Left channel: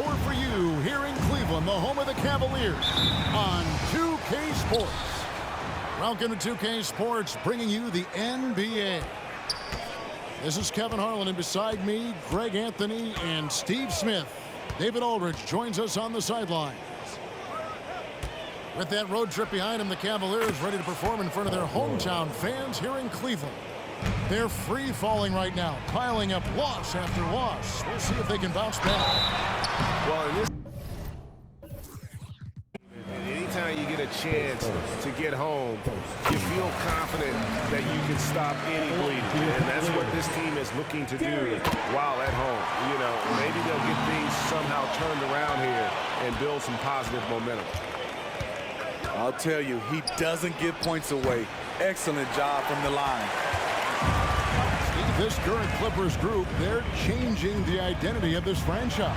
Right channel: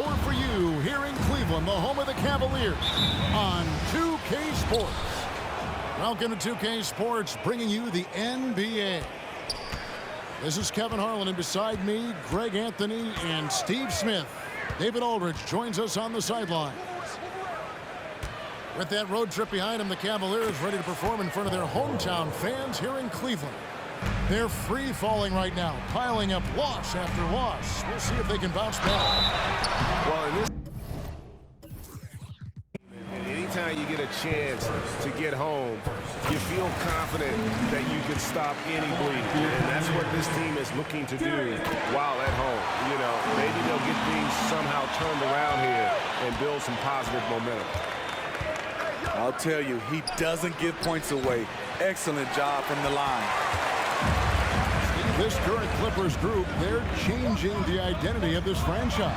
score for you here in Cleveland, the home of the Cavaliers, on 2K Sports. Welcome to 2K Sports, bringing you the NBA. This is Kevin Harlan, and beside me, Greg Anthony and Steve Smith. David Aldridge joins us on the sidelines. With that road trip behind them, the Cavaliers ready to perform in front of their hometown fans here in Cleveland. They're free-falling right now, piling up loss after loss. We'll see if they can bounce back. Well, in this, anytime you get a chance to get home, you feel confident that you can stop any bleeding. And that's what this team is looking to do while at home. You know, maybe they'll get things somehow turned around here and build some positive momentum. I'll tell you, he doesn't give points away. Excellent job from the line. Steve, this current Clippers group, they're changing the identity of this franchise.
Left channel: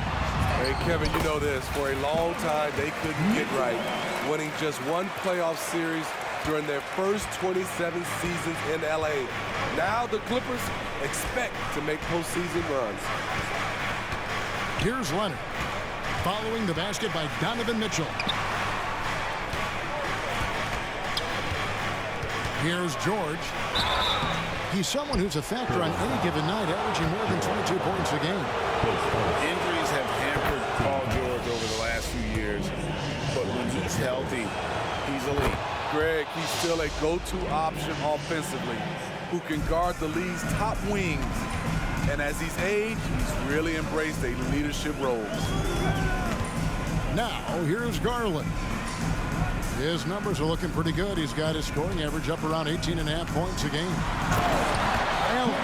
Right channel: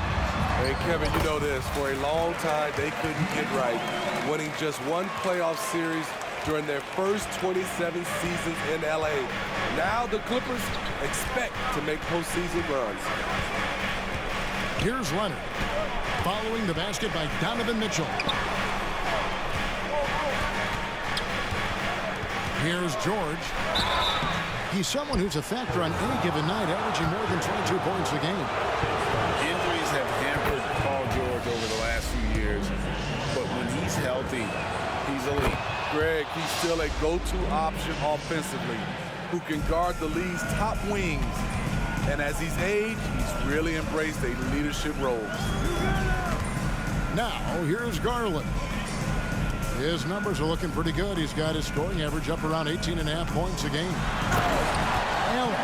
Hey, Kevin, you know this. For a long time, they couldn't get right, winning just one playoff series during their first 27 seasons in L.A. Now the Clippers expect to make postseason runs. Here's Leonard, following the basket by Donovan Mitchell. Here's George. He's someone who's a factor on any given night, averaging more than 22 points a game. Injuries have hampered Paul George over the last few years, but when he's healthy, he's elite. Greg, he's still a go-to option offensively, who can guard the league's top wings. And as he's aged, he's really embraced a leadership role. Now, here's Garland. His numbers are looking pretty good. He's got his scoring average up around 18.5 points a game. Allen.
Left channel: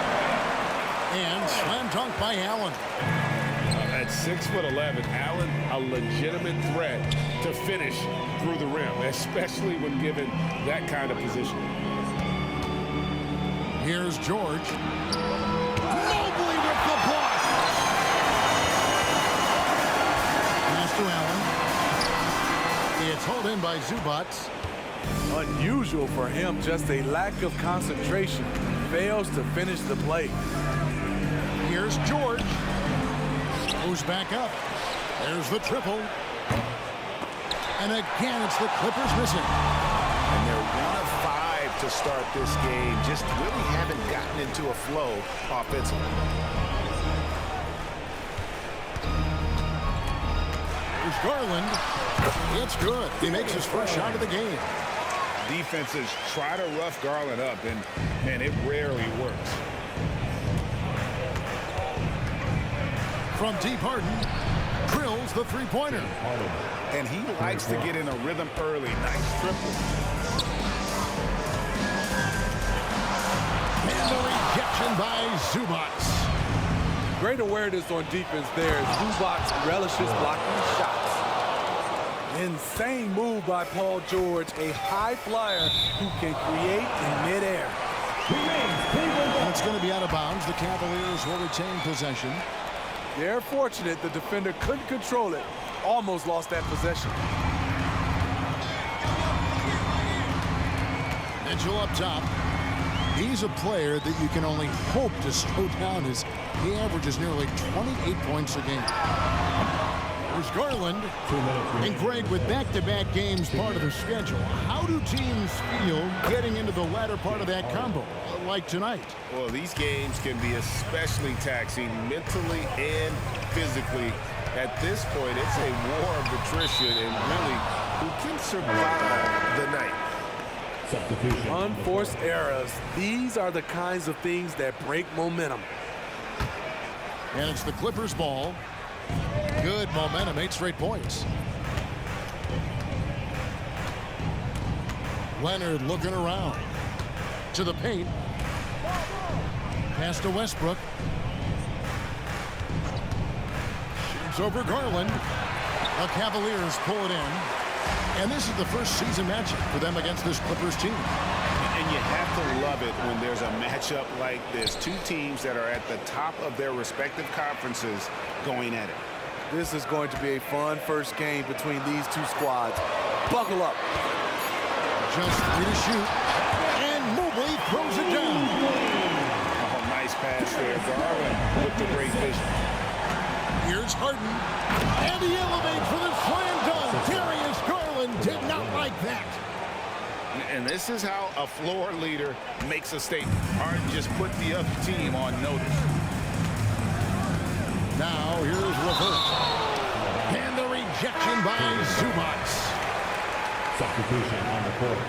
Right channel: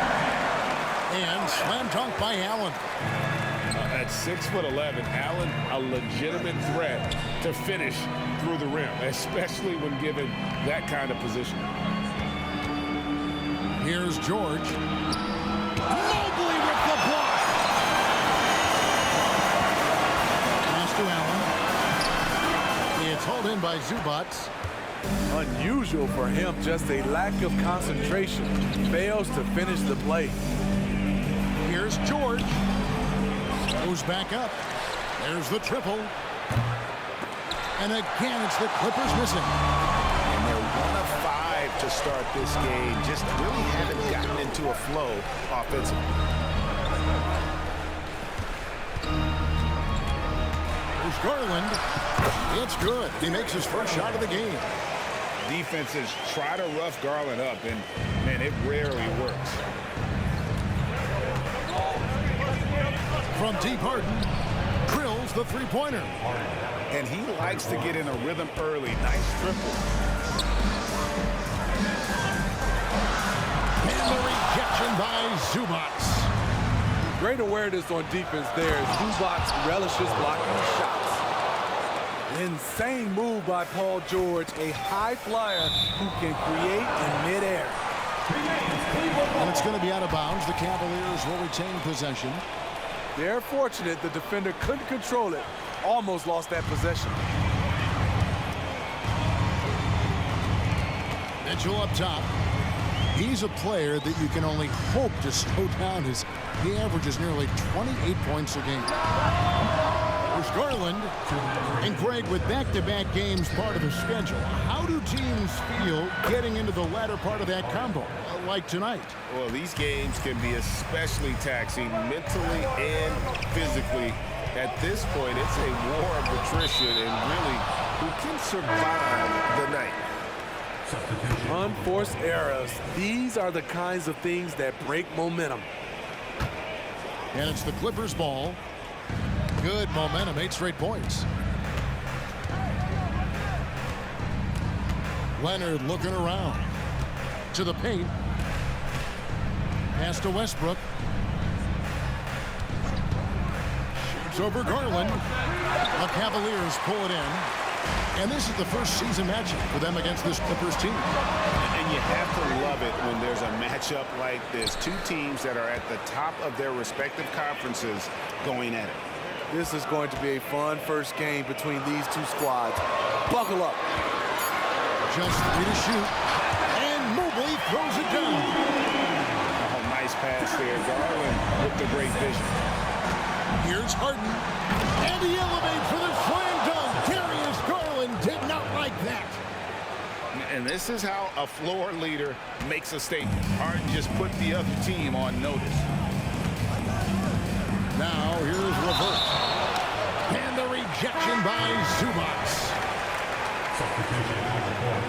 And slam dunk by Allen. At 6'11", Allen, a legitimate threat to finish through the rim, especially when given that kind of position. Here's George. Mobley with the block. Pass to Allen. It's hauled in by Zubac. Unusual for him, just a lack of concentration. Fails to finish the play. Here's George. Goes back up. There's the triple. And again, it's the Clippers missing. And they're 1 of 5 to start this game. Just really haven't gotten into a flow offensively. Here's Garland. It's good. He makes his first shot of the game. Defenses try to rough Garland up, and, man, it rarely works. From deep, Harden drills the three-pointer. And he likes to get in a rhythm early. Nice triple. And the rejection by Zubac. Great awareness on defense there. Zubac relishes blocking shots. Insane move by Paul George, a high flyer who can create in midair. And it's going to be out of bounds. The Cavaliers will retain possession. They're fortunate the defender couldn't control it. Almost lost that possession. Mitchell up top. He's a player that you can only hope to slow down as he averages nearly 28 points a game. There's Garland. And Greg, with back-to-back games part of the schedule, how do teams feel getting into the latter part of that combo, like tonight? Well, these games can be especially taxing mentally and physically. At this point, it's a war of attrition, and really, who can survive the night? Unforced errors. These are the kinds of things that break momentum. And it's the Clippers' ball. Good momentum, 8 straight points. Leonard looking around. To the paint. Pass to Westbrook. Shoots over Garland. The Cavaliers pull it in. And this is the first season matchup for them against this Clippers team. And you have to love it when there's a matchup like this. Two teams that are at the top of their respective conferences going at it. This is going to be a fun first game between these two squads. Buckle up. Just 3 to shoot. And Mobley throws it down. Oh, nice pass there. Garland with the great vision. Here's Harden. And he elevates for the slam dunk. Darius Garland did not like that. And this is how a floor leader makes a statement. Harden just put the other team on notice. Now here's LeVert. And the rejection by Zubac. Substitution on the court.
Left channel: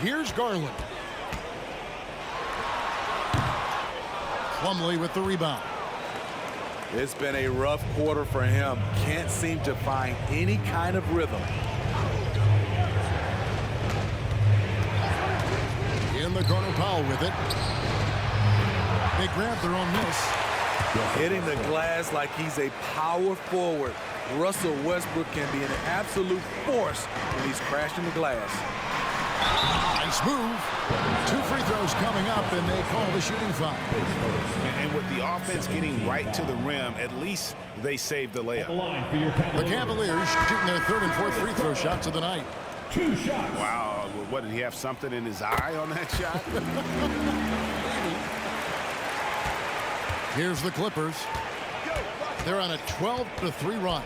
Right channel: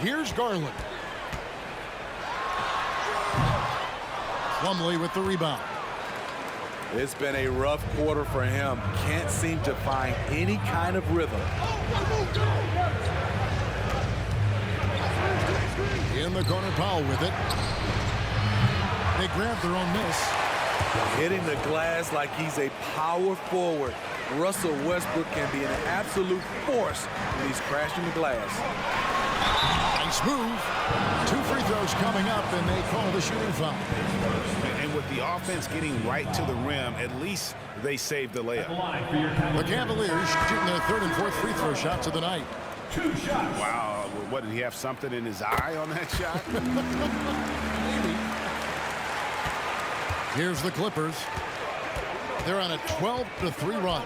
Here's Garland. Plumlee with the rebound. It's been a rough quarter for him. Can't seem to find any kind of rhythm. In the corner, Powell with it. They grab their own miss. Hitting the glass like he's a power forward. Russell Westbrook can be an absolute force when he's crashing the glass. Nice move. 2 free throws coming up, and they call the shooting foul. And with the offense getting right to the rim, at least they saved the layup. The Cavaliers shooting their 3rd and 4th free throw shots of the night. 2 shots. Wow, what, did he have something in his eye on that shot? Maybe. Here's the Clippers. They're on a 12-3 run.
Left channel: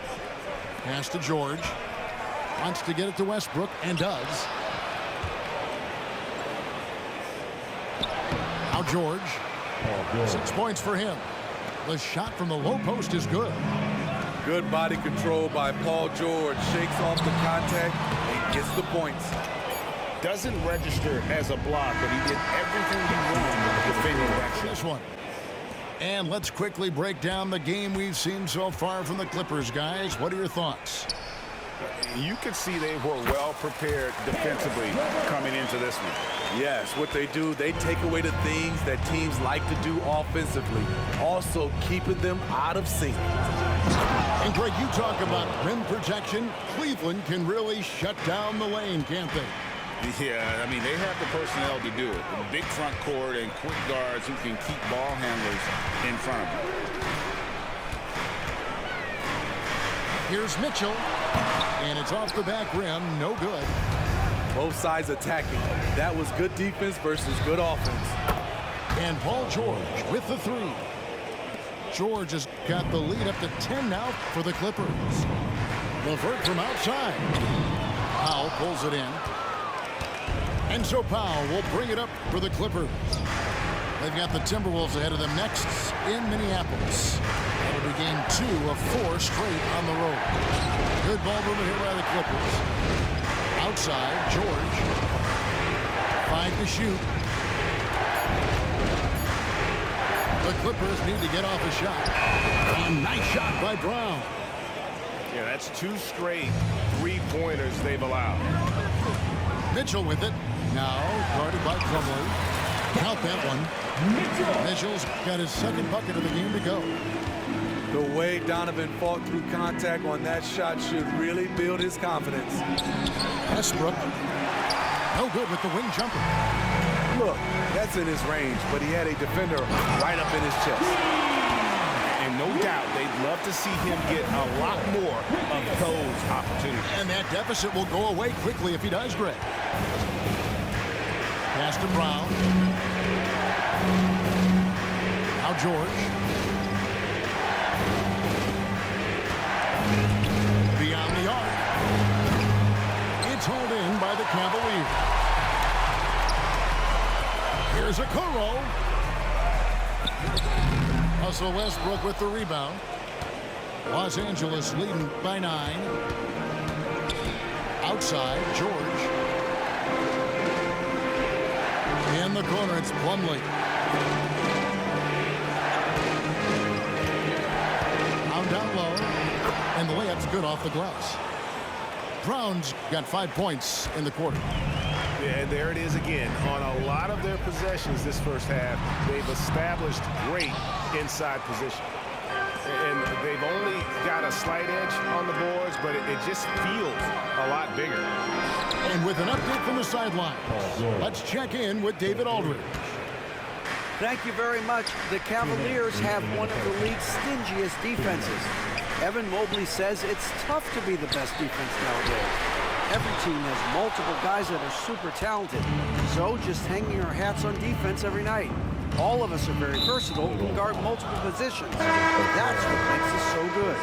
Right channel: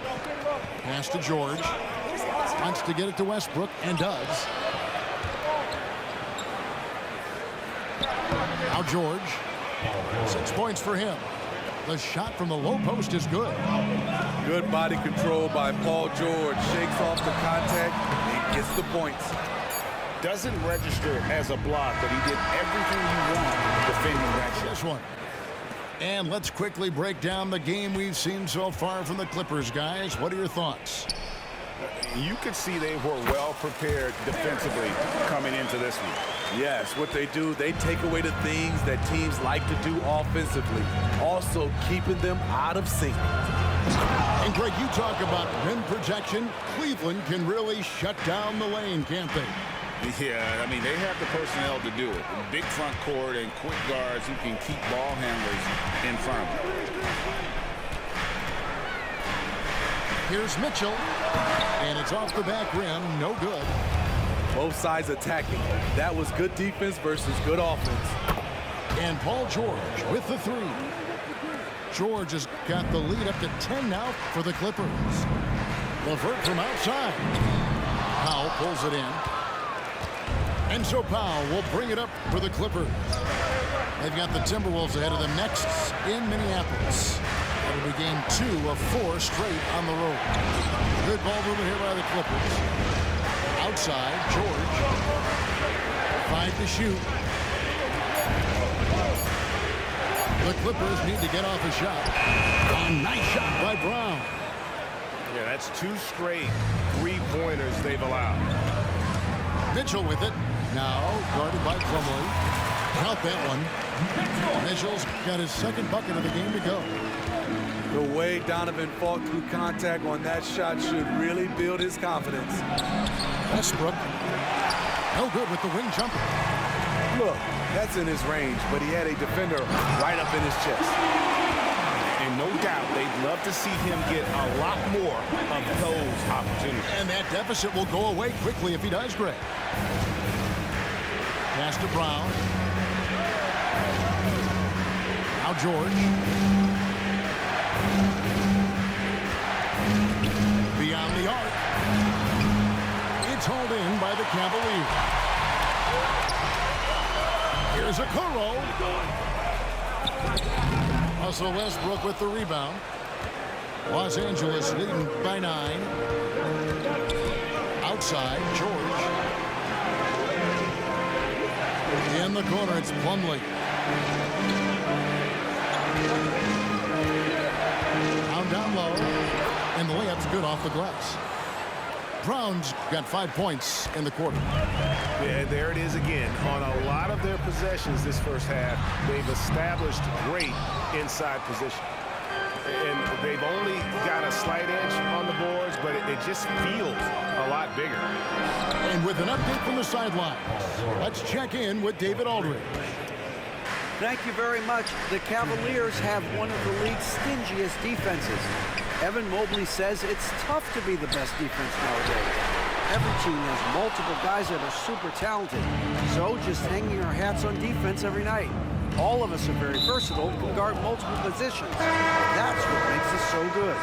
Pass to George. Wants to get it to Westbrook, and does. Now George. 6 points for him. The shot from the low post is good. Good body control by Paul George. Shakes off the contact and gets the points. Doesn't register as a block, but he did everything you want defending that shot. This one. And let's quickly break down the game we've seen so far from the Clippers, guys. What are your thoughts? You could see they were well prepared defensively coming into this one. Yes, what they do, they take away the things that teams like to do offensively, also keeping them out of sync. And Greg, you talk about rim protection. Cleveland can really shut down the lane, can't they? Yeah, I mean, they have the personnel to do it. A big front court and quick guards who can keep ball handlers in front of them. Here's Mitchell. And it's off the back rim. No good. Both sides attacking. That was good defense versus good offense. And Paul George with the 3. George has got the lead up to 10 now for the Clippers. LeVert from outside. Powell pulls it in. And so Powell will bring it up for the Clippers. They've got the Timberwolves ahead of them next in Minneapolis. That'll be game 2 of 4 straight on the road. Good ball movement here by the Clippers. Outside, George. 5 to shoot. The Clippers need to get off a shot. A nice shot by Brown. Yeah, that's 2 straight 3-pointers they've allowed. Mitchell with it. Now guarded by Plumlee. Count that one. Mitchell's got his 2nd bucket of the game to go. The way Donovan fought through contact on that shot should really build his confidence. Westbrook. No good with the wing jumper. Look, that's in his range, but he had a defender right up in his chest. And no doubt they'd love to see him get a lot more of those opportunities. And that deficit will go away quickly if he does, Greg. Pass to Brown. Now George. Beyond the arc. It's hauled in by the Cavaliers. Here's Okoro. Russell Westbrook with the rebound. Los Angeles leading by 9. Outside, George. In the corner, it's Plumlee. Down low, and the layup's good off the glass. Brown's got 5 points in the quarter. Yeah, there it is again. On a lot of their possessions this first half, they've established great inside position. And they've only got a slight edge on the boards, but it just feels a lot bigger. And with an update from the sideline, let's check in with David Aldridge. Thank you very much. The Cavaliers have one of the league's stingiest defenses. Evan Mobley says it's tough to be the best defense nowadays. Every team has multiple guys that are super talented. So just hanging our hats on defense every night. All of us are very versatile and can guard multiple positions. That's what makes us so good.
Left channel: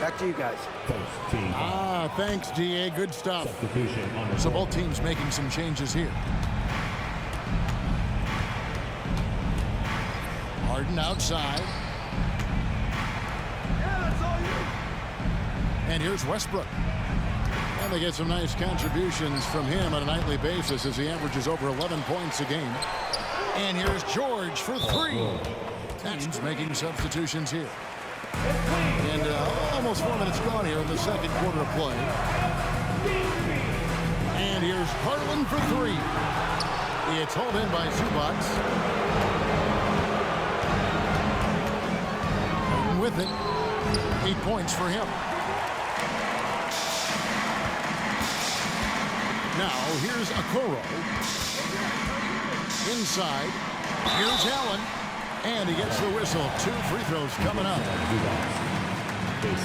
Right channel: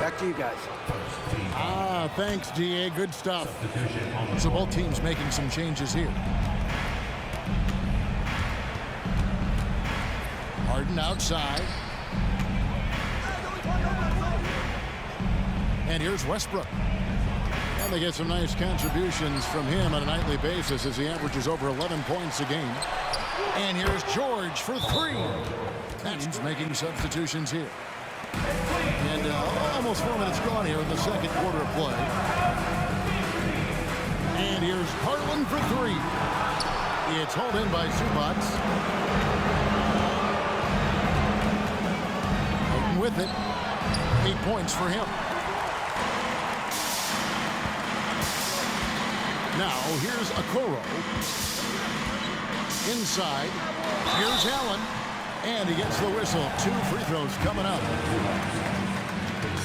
Back to you guys. First team. Thanks, DA. Good stuff. Substitution on the So both teams making some changes here. Harden outside. And here's Westbrook. And they get some nice contributions from him on a nightly basis as he averages over 11 points a game. And here's George for three. Teams making substitutions here. And almost 4 minutes gone here in the second quarter of play. And here's Harlan for three. It's hauled in by Zubac. Harden with it. 8 points for him. Now here's Okoro. Inside. Here's Allen. And he gets the whistle. 2 free throws coming up.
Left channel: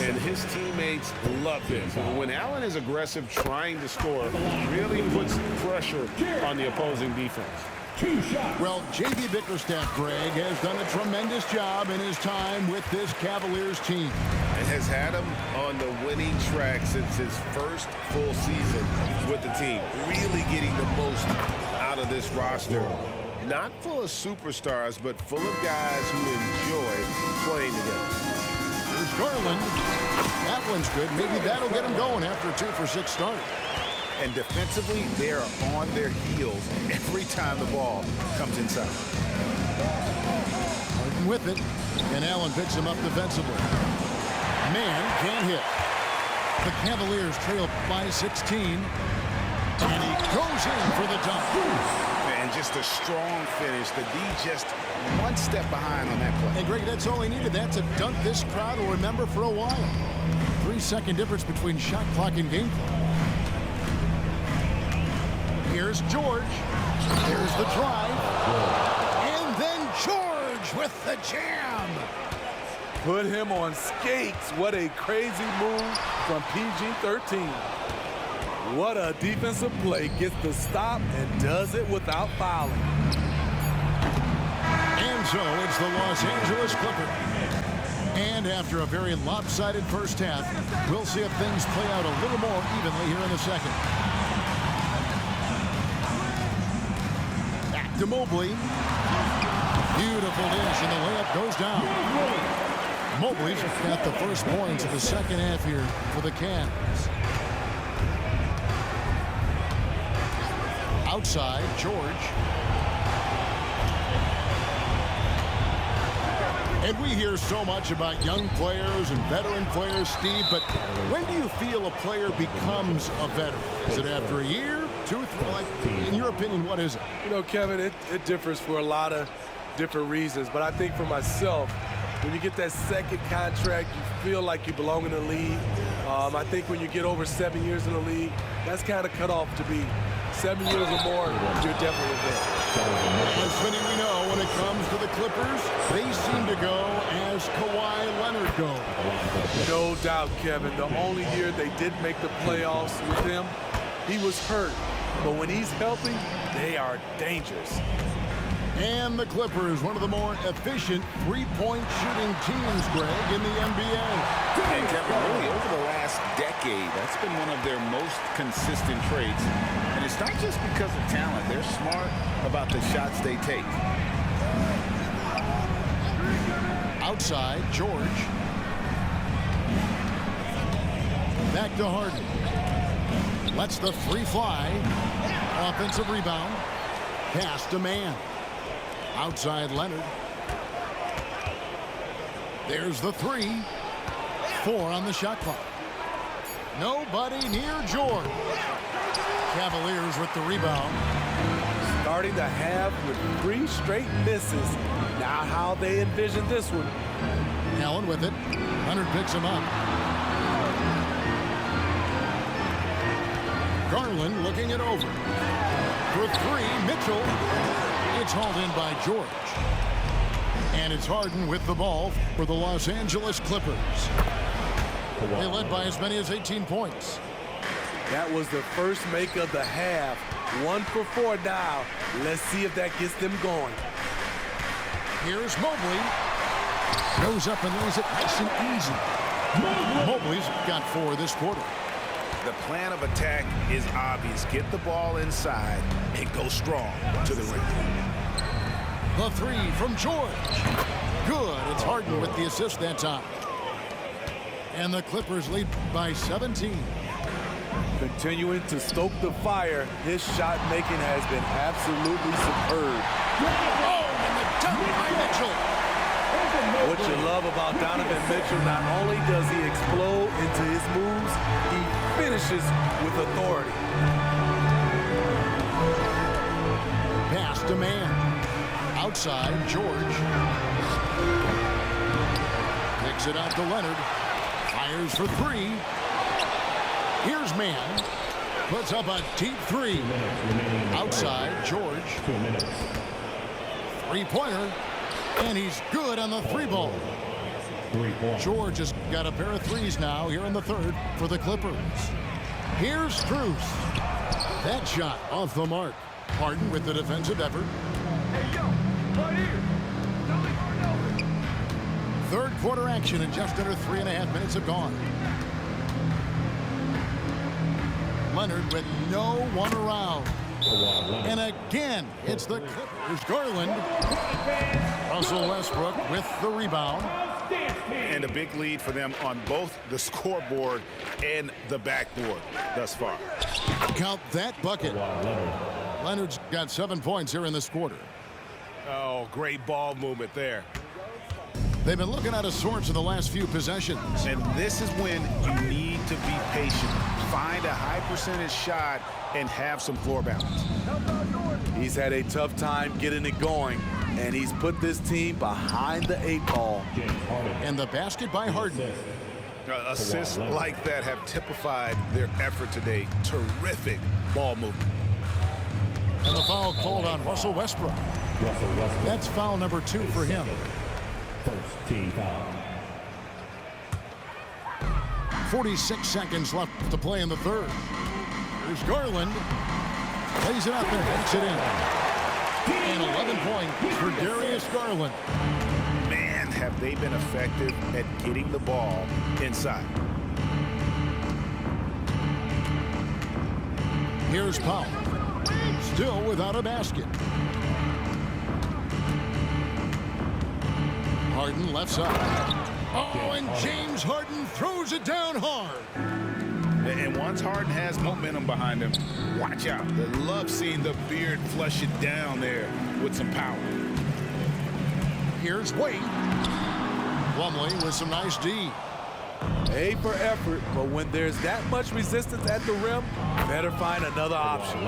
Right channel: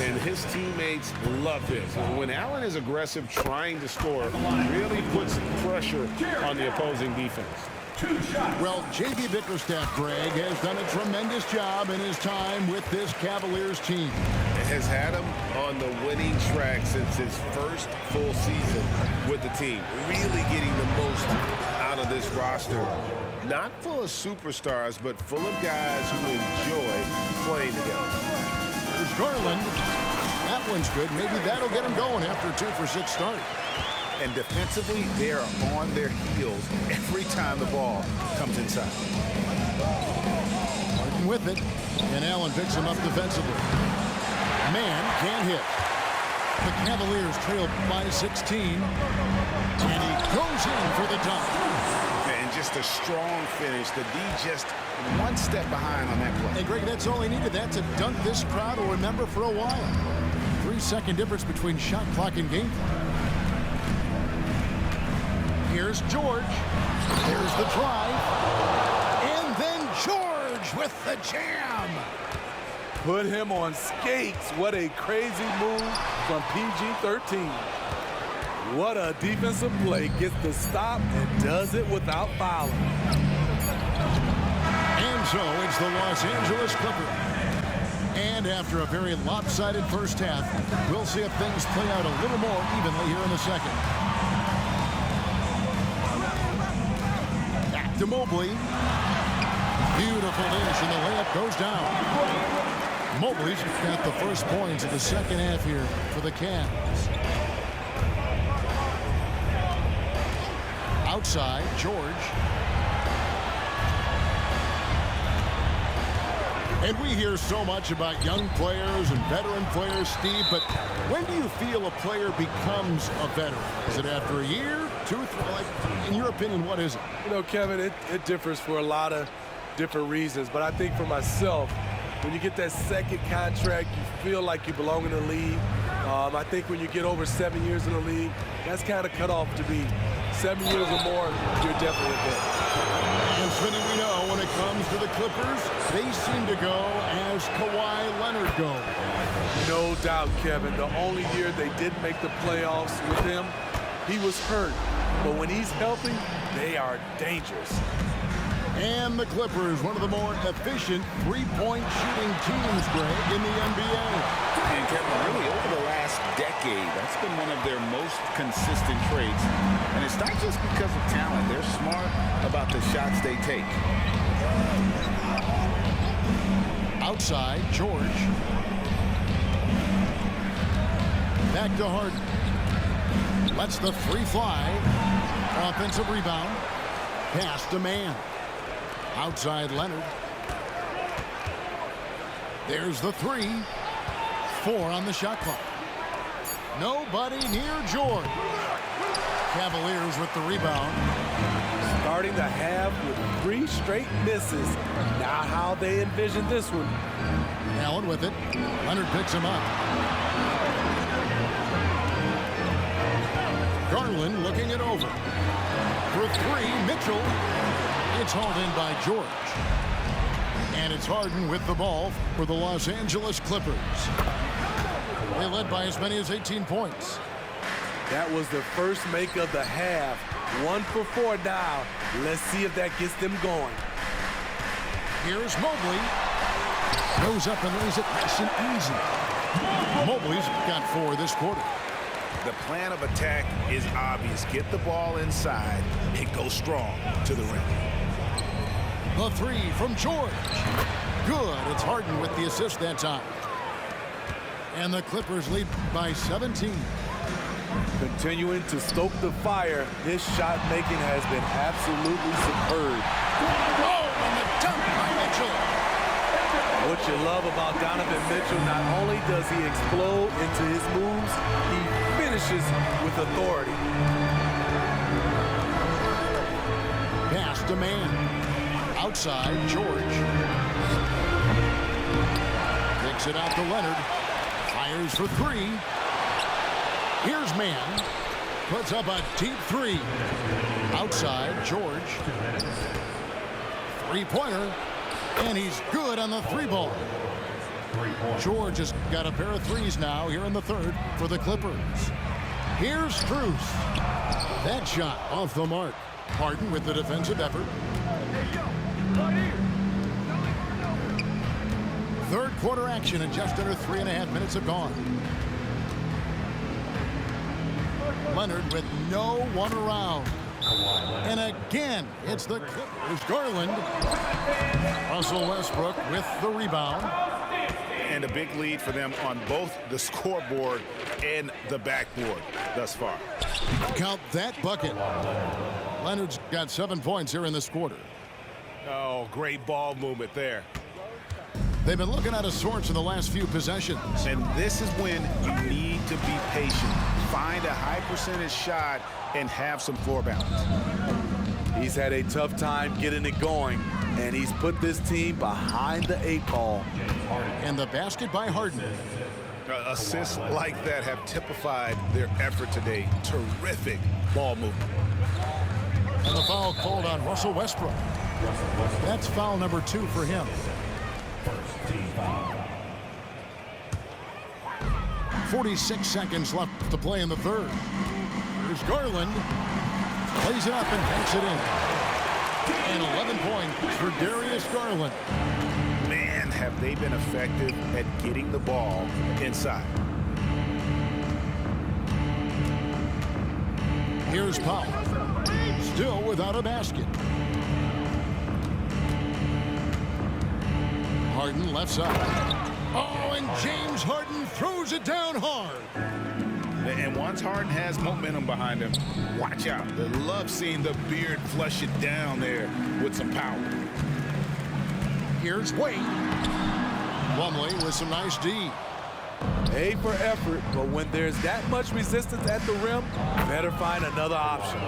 And his teammates love this. When Allen is aggressive trying to score, really puts pressure on the opposing defense. 2 shots. Well, J.B. Bickerstaff, Greg, has done a tremendous job in his time with this Cavaliers team. And has had him on the winning track since his first full season with the team. Really getting the most out of this roster. Not full of superstars, but full of guys who enjoy playing together. There's Garland. That one's good. Maybe that'll get him going after a 2 for 6 start. And defensively, they are on their heels every time the ball comes inside. Harden with it. And Allen picks him up defensively. Man can't hit. The Cavaliers trail by 16. And he goes in for the dunk. And just a strong finish. The D just one step behind on that play. And Greg, that's all he needed. That's a dunk this crowd will remember for a while. 3-second difference between shot clock and game clock. Here's George. There's the drive. And then George with the jam. Put him on skates. What a crazy move from PG-13. What a defensive play. Gets the stop and does it without fouling. And so it's the Los Angeles Clippers. And after a very lopsided first half, we'll see if things play out a little more evenly here in the second. Back to Mobley. Beautiful dish, and the layup goes down. Mobley's got the first points of the second half here for the Cavs. Outside, George. And we hear so much about young players and veteran players, Steve, but when do you feel a player becomes a veteran? Is it after a year, 2, 3? Like, in your opinion, what is it? You know, Kevin, it differs for a lot of different reasons. But I think for myself, when you get that second contract, you feel like you belong in the league. I think when you get over 7 years in the league, that's kind of cut off to be 7 years or more, you're definitely a vet. And Smitty, we know when it comes to the Clippers, they seem to go as Kawhi Leonard goes. No doubt, Kevin. The only year they didn't make the playoffs with him, he was hurt. But when he's healthy, they are dangerous. And the Clippers, one of the more efficient three-point shooting teams, Greg, in the NBA. And Kevin, really over the last decade, that's been one of their most consistent traits. And it's not just because of talent. They're smart about the shots they take. Outside, George. Back to Harden. Lets the three fly. Offensive rebound. Pass to Man. Outside Leonard. There's the 3. 4 on the shot clock. Nobody near George. Cavaliers with the rebound. Starting the half with 3 straight misses. Not how they envisioned this one. Allen with it. Leonard picks him up. Garland looking it over. For 3, Mitchell. It's hauled in by George. And it's Harden with the ball for the Los Angeles Clippers. They led by as many as 18 points. That was the first make of the half. 1 for 4 now. Let's see if that gets them going. Here's Mobley. Goes up and lays it nice and easy. Mobley's got 4 this quarter. The plan of attack is obvious. Get the ball inside and go strong to the rim. The 3 from George. Good. It's Harden with the assist that time. And the Clippers lead by 17. Continuing to stoke the fire, his shot making has been absolutely superb. Oh, and the dunk by Mitchell. What you love about Donovan Mitchell, not only does he explode into his moves, he finishes with authority. Pass to man. Outside, George. Kicks it out to Leonard. Fires for 3. Here's Man. Puts up a deep 3. Outside, George. 3-pointer. And he's good on the 3-ball. George has got a pair of 3s now here in the 3rd for the Clippers. Here's Strus. That shot off the mark. Harden with the defensive effort. Hey, yo, right here. Third quarter action and just under 3.5 minutes have gone. Leonard with no one around. And again, it's the Clippers. Garland. Russell Westbrook with the rebound. And a big lead for them on both the scoreboard and the backboard thus far. Count that bucket. Leonard's got 7 points here in this quarter. Oh, great ball movement there. They've been looking out of sorts in the last few possessions. And this is when you need to be patient. Find a high percentage shot and have some floor balance. He's had a tough time getting it going, and he's put this team behind the 8 ball. And the basket by Harden. Assists like that have typified their effort today. Terrific ball movement. And the foul called on Russell Westbrook. That's foul number 2 for him. First team foul. 46 seconds left to play in the 3rd. Here's Garland. Plays it up and banks it in. And 11 points for Darius Garland. Man, have they been effective at getting the ball inside. Here's Powell. Still without a basket. Harden left side. Oh, and James Harden throws it down hard. And once Harden has momentum behind him, watch out. They love seeing the beard flush it down there with some power. Here's Wade. Plumlee with some nice D. A for effort, but when there's that much resistance at the rim, better find another option.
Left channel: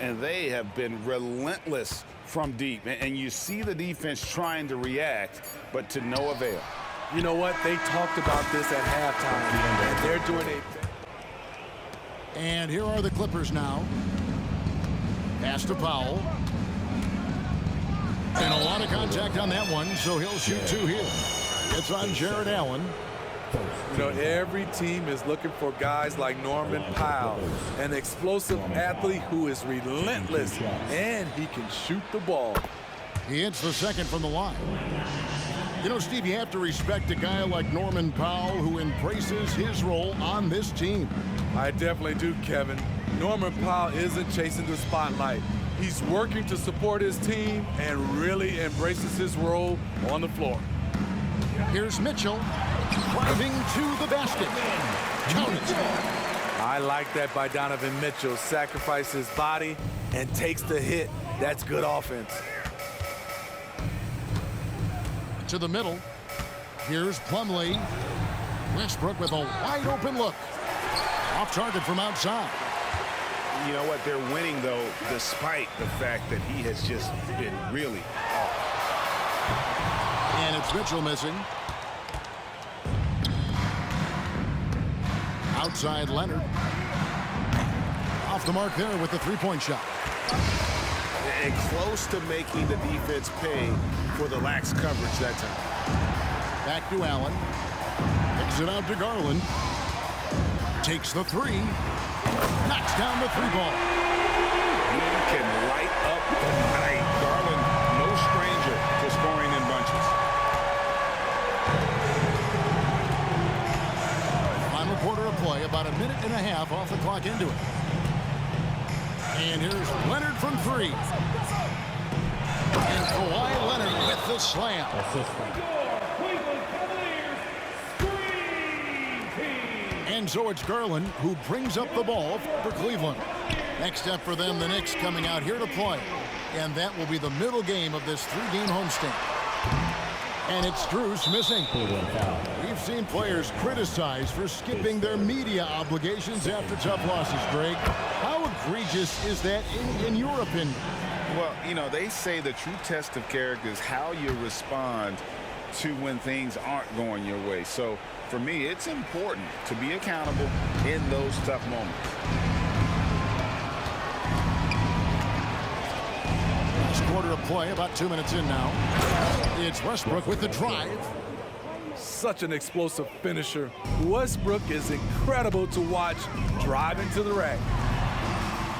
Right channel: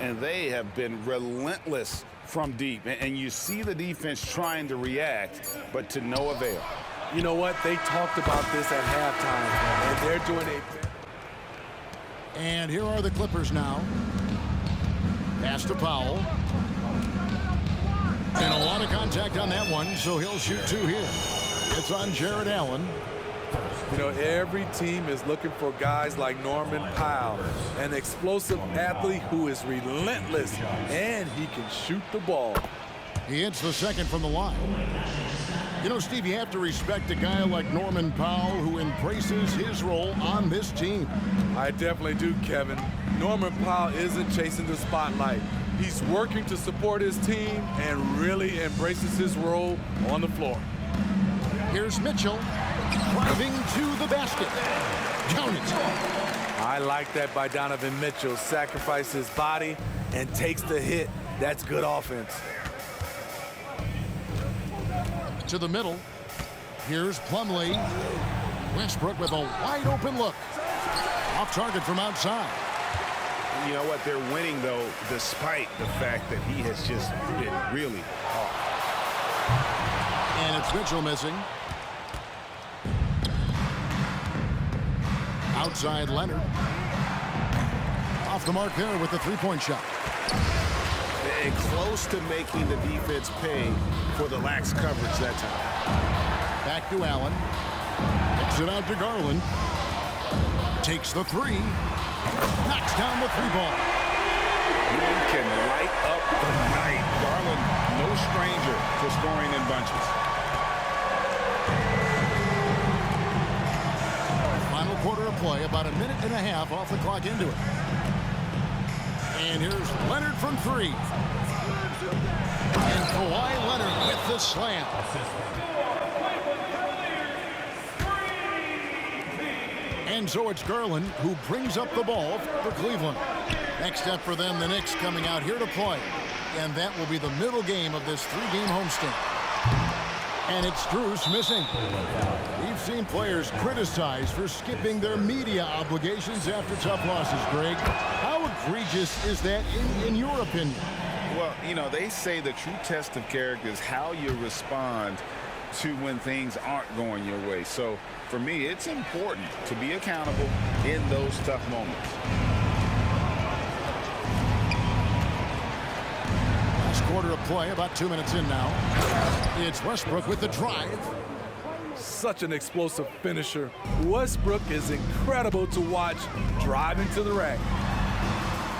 And they have been relentless from deep. And you see the defense trying to react, but to no avail. You know what? They talked about this at halftime, and they're doing a... And here are the Clippers now. Pass to Powell. And a lot of contact on that one, so he'll shoot 2 here. It's on Jared Allen. You know, every team is looking for guys like Norman Powell, an explosive athlete who is relentless, and he can shoot the ball. He hits the second from the line. You know, Steve, you have to respect a guy like Norman Powell who embraces his role on this team. I definitely do, Kevin. Norman Powell isn't chasing the spotlight. He's working to support his team and really embraces his role on the floor. Here's Mitchell driving to the basket. Count it. I like that by Donovan Mitchell. Sacrifices his body and takes the hit. That's good offense. To the middle. Here's Plumlee. Westbrook with a wide open look. Off target from outside. You know what? They're winning, though, despite the fact that he has just been really off. And it's Mitchell missing. Outside Leonard. Off the mark there with the 3-point shot. And close to making the defense pay for the lax coverage that time. Back to Allen. Kicks it out to Garland. Takes the 3. Knocks down the 3 ball. He can light up the night. Garland, no stranger to scoring in bunches. Final quarter of play, about a minute and a half off the clock into it. And here's Leonard from three. And Kawhi Leonard with the slam. And so it's Garland who brings up the ball for Cleveland. Next step for them, the Knicks coming out here to play. And that will be the middle game of this three-game homestand. And it's Strus missing. We've seen players criticized for skipping their media obligations after tough losses, Greg. How egregious is that in your opinion? Well, you know, they say the true test of character is how you respond to when things aren't going your way. So, for me, it's important to be accountable in those tough moments. Last quarter of play, about 2 minutes in now. It's Westbrook with the drive. Such an explosive finisher. Westbrook is incredible to watch driving to the rack.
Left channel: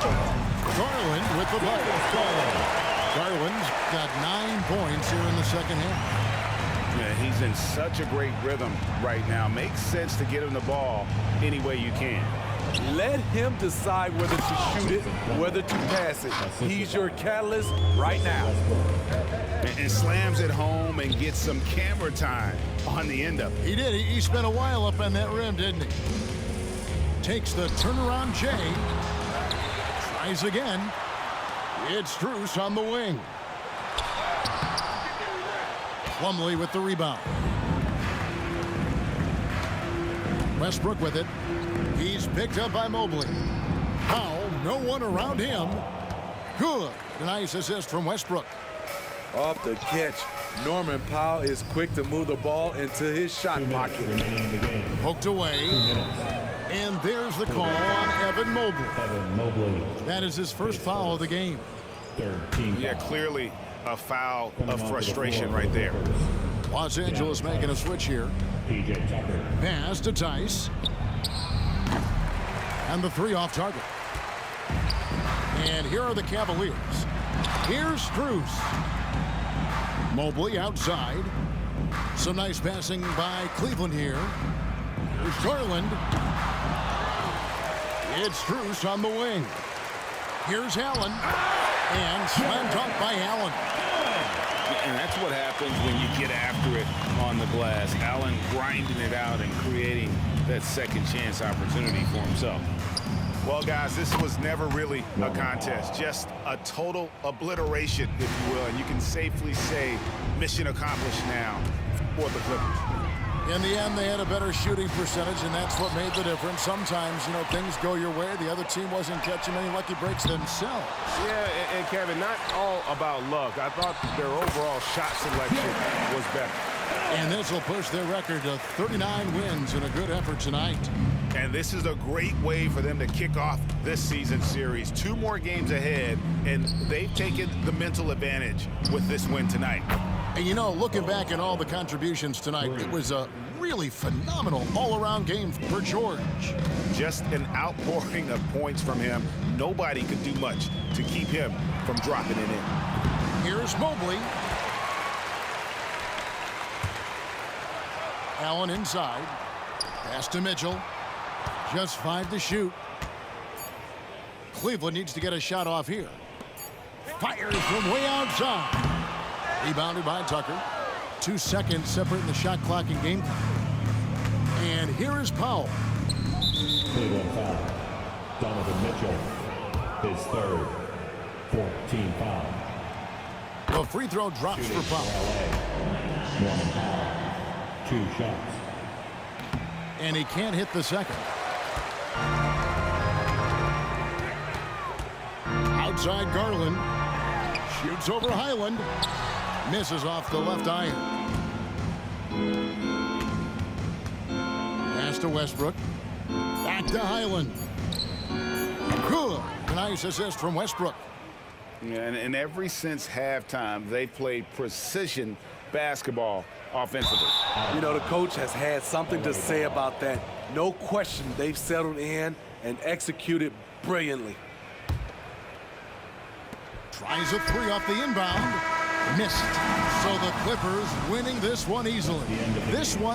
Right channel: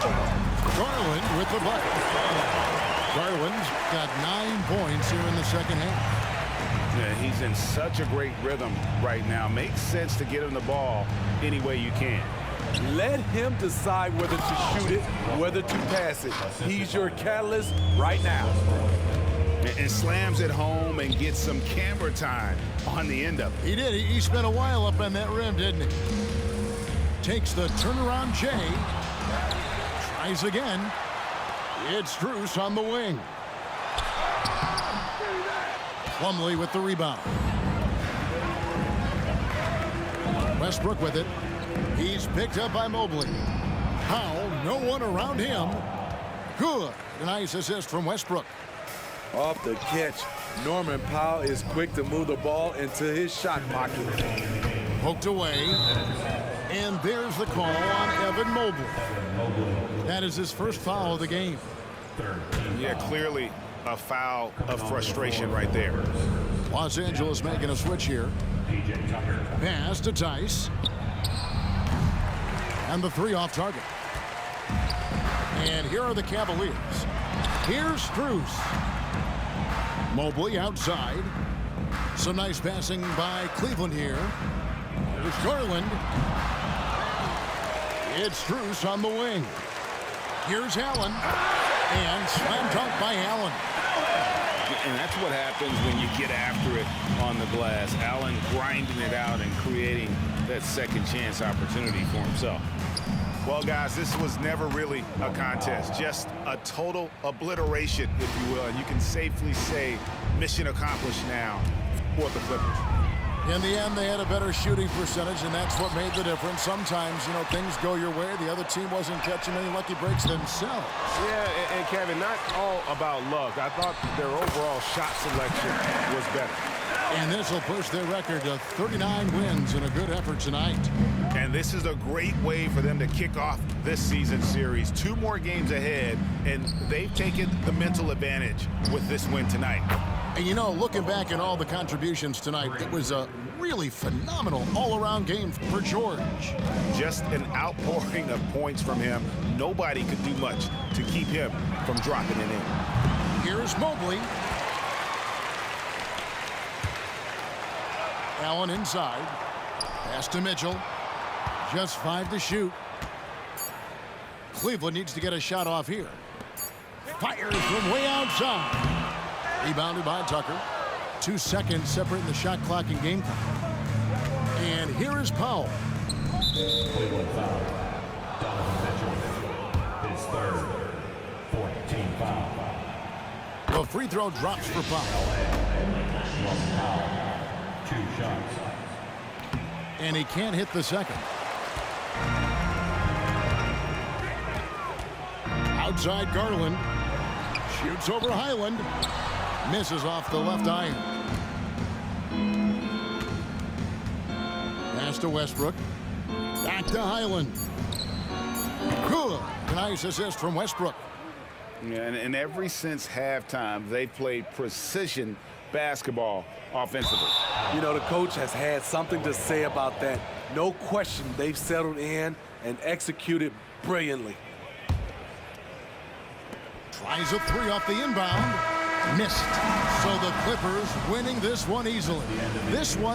Garland with the bucket. Garland's got 9 points here in the second half. Yeah, he's in such a great rhythm right now. Makes sense to get him the ball any way you can. Let him decide whether to shoot it, whether to pass it. He's your catalyst right now. And slams it home and gets some camera time on the end of it. He did. He spent a while up on that rim, didn't he? Takes the turnaround J. Tries again. It's Strus on the wing. Plumlee with the rebound. Westbrook with it. He's picked up by Mobley. Powell, no one around him. Good. A nice assist from Westbrook. Off the catch, Norman Powell is quick to move the ball into his shot pocket. Poked away. And there's the call on Evan Mobley. That is his first foul of the game. Yeah, clearly a foul of frustration right there. Los Angeles making a switch here. Pass to Tice. And the three off target. And here are the Cavaliers. Here's Strus. Mobley outside. Some nice passing by Cleveland here. Here's Garland. It's Strus on the wing. Here's Allen. And slam dunk by Allen. And that's what happens when you get after it on the glass. Allen grinding it out and creating that second chance opportunity for himself. Well, guys, this was never really a contest, just a total obliteration, if you will. And you can safely say mission accomplished now for the Clippers. In the end, they had a better shooting percentage, and that's what made the difference. Sometimes, you know, things go your way. The other team wasn't catching many lucky breaks themselves. Yeah, and Kevin, not all about luck. I thought their overall shot selection was better. And this will push their record to 39 wins in a good effort tonight. And this is a great way for them to kick off this season series. 2 more games ahead, and they've taken the mental advantage with this win tonight. And, you know, looking back at all the contributions tonight, it was a really phenomenal all-around game for George. Just an outpouring of points from him. Nobody could do much to keep him from dropping it in. Here's Mobley. Allen inside. Pass to Mitchell. Just 5 to shoot. Cleveland needs to get a shot off here. Fires from way outside. Rebounded by Tucker. 2 seconds separating the shot clock and game time. And here is Powell. Cleveland foul. Donovan Mitchell, his third. 14 foul. The free throw drops for Powell. One foul. 2 shots. And he can't hit the second. Outside Garland. Shoots over Highland. Misses off the left iron. Pass to Westbrook. Back to Highland. Good. Nice assist from Westbrook. Yeah, and ever since halftime, they've played precision basketball offensively. You know, the coach has had something to say about that. No question, they've settled in and executed brilliantly. Tries a three off the inbound. Missed. So the Clippers winning this one easily. This one